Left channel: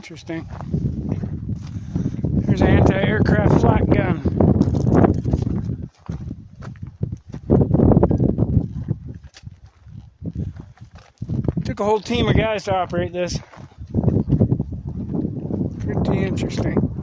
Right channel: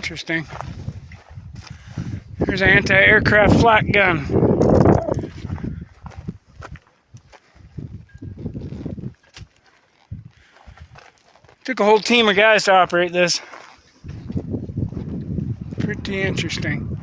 Interesting. There's an anti-aircraft flak gun. Took a whole team of guys to operate this. Pretty interesting.